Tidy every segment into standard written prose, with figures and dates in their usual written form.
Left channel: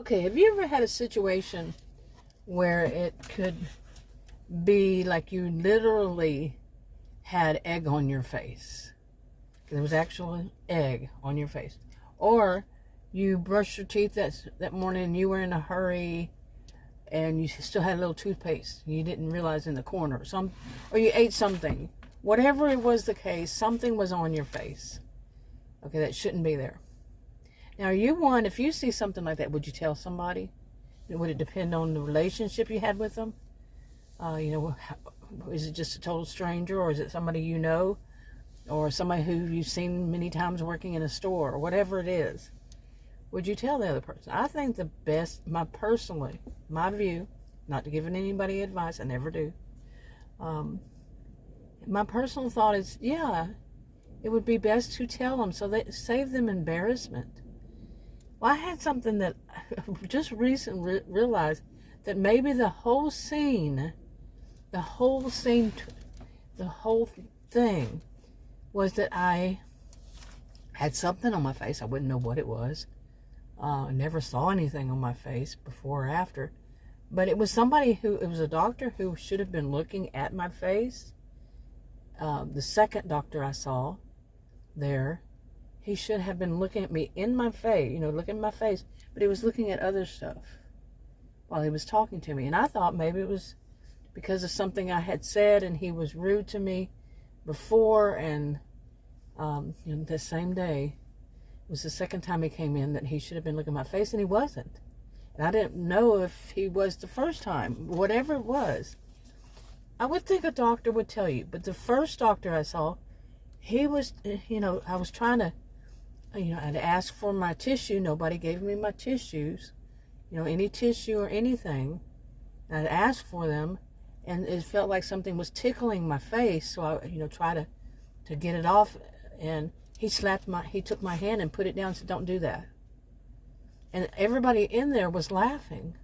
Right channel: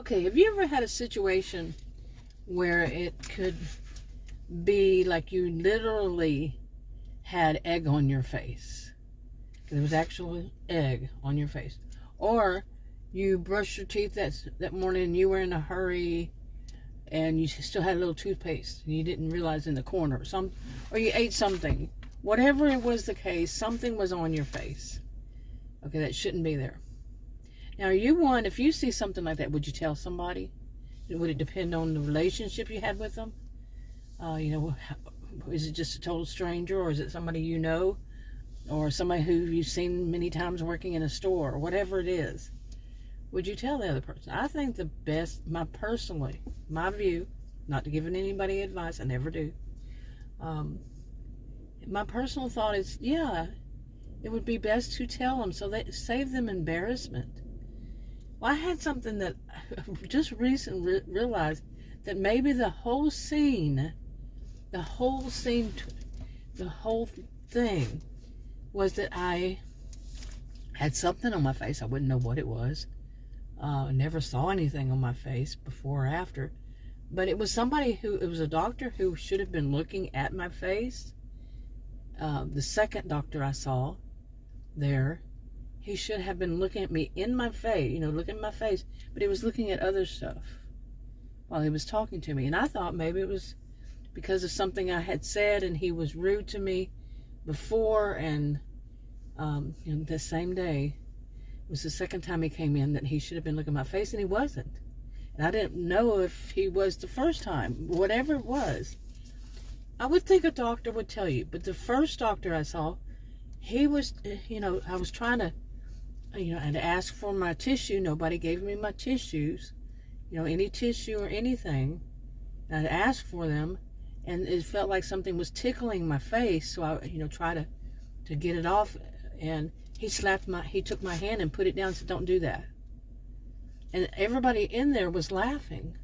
Okay, have you ever had a situation where it could be like you literally had egg on your face? There was actual egg on your face. Or you brushed your teeth that morning and you were in a hurry and you still had a little toothpaste and you didn't realize in the corner. Or you ate something. Whatever it was the case, something was on your face. Okay, that shouldn't be there. Now, if you see something like that, would you tell somebody? Would it depend on the relationship you had with them? Is it just a total stranger, or is it somebody you know, or somebody who you've seen many times working in a store, or whatever it is? Would you tell the other person? I think the best, my view, not to give anybody advice, I never do. My personal thought is, yeah, it would be best to tell them so that save them embarrassment. Well, I had something that just recently realized that maybe the whole thing was that I had something on my face. I wouldn't know what it was. Never saw anything on my face before or after. But it was it was a doctor who should have been looking at my face. The second doctor I saw there, he should have been looking at me in my face, looking at my face, but he was looking at other stuff while he was talking to me. And I thought maybe it was because of something I had said and he was rude to me before. And the same day was the second time he came in that he should have been looking at my face, and he wasn't. And I didn't know if he was the first time, whatever it was. I would think a doctor would tell you, but the first doctor I saw, he was, I was trying to, I'd ask for my tissue. Nobody gave me my tissues, any tissue or anything. And I'd ask for them, and it felt like something was tickling my face. So I, try to get it off. And he took my hand and put it down and said, "Don't do that." And everybody in there was laughing.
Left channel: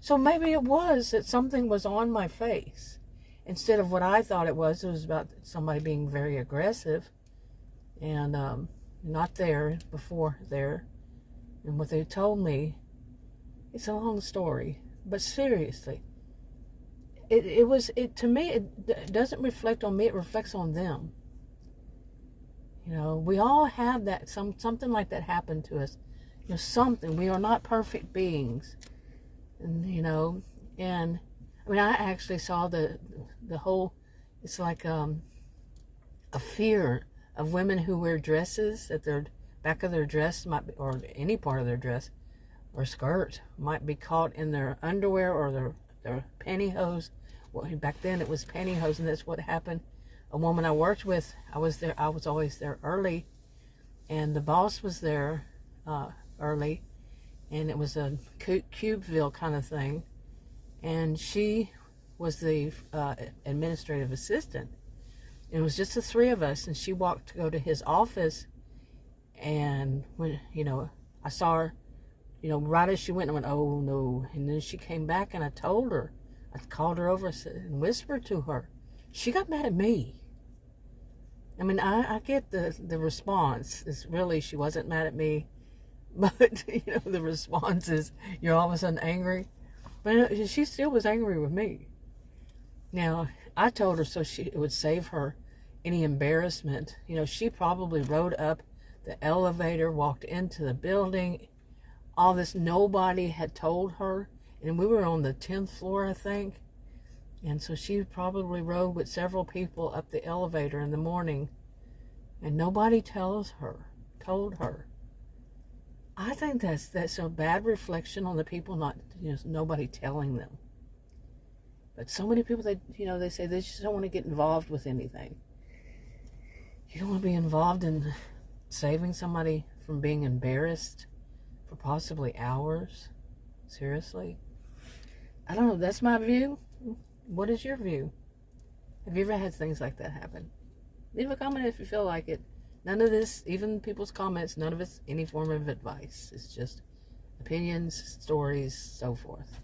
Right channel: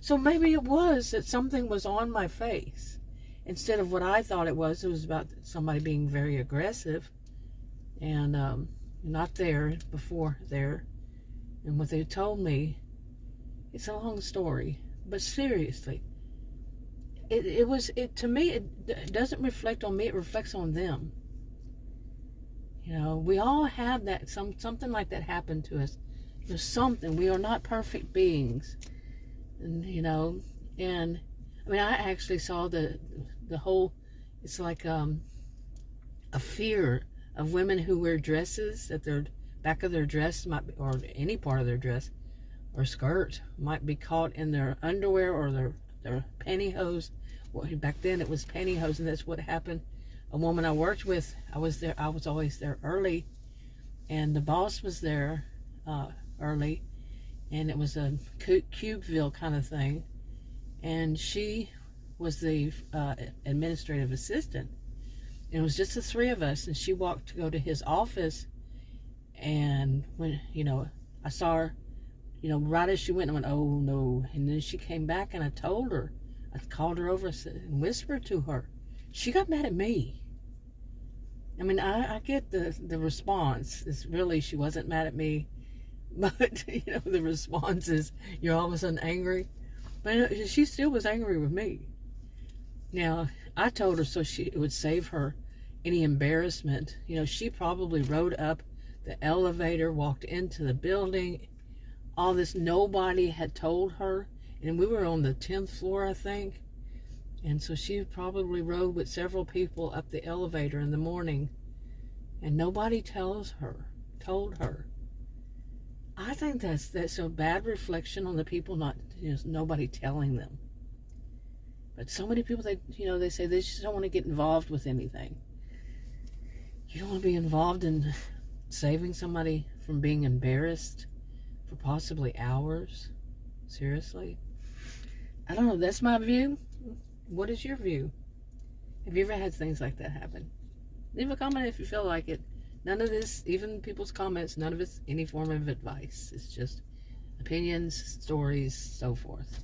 So maybe it was that something was on my face instead of what I thought it was. It was about somebody being very aggressive and not there before there. And what they told me, it's a long story, but seriously, to me, it doesn't reflect on me, it reflects on them. We all have that, something like that happen to us. We are not perfect beings. And, and I mean, I actually saw the whole, it's like a fear of women who wear dresses, that their back of their dress might be, or any part of their dress or skirt might be caught in their underwear or their pantyhose. Well, back then it was pantyhose, and that's what happened. A woman I worked with, I was always there early, and the boss was there early, and it was a Cubeville kind of thing, and she was the administrative assistant. And it was just the three of us, and she walked to go to his office, and when, I saw her, right as she went, I went, "Oh no." And then she came back, and I called her over and whispered to her. She got mad at me. I mean, I get the response. It's really, she wasn't mad at me. But, the response is you're all of a sudden angry. But she still was angry with me. Now, I told her so it would save her any embarrassment. She probably rode up the elevator, walked into the building. All this, nobody had told her. And we were on the 10th floor, I think. And so she probably rode with several people up the elevator in the morning. And nobody told her. I think that's a bad reflection on the people, nobody telling them. But so many people, they say they just don't want to get involved with anything. You don't want to be involved in saving somebody from being embarrassed for possibly hours. Seriously? I don't know. That's my view. What is your view? Have you ever had things like that happen? Leave a comment if you feel like it. None of this, even people's comments, none of it's any form of advice. It's just opinions, stories, so forth.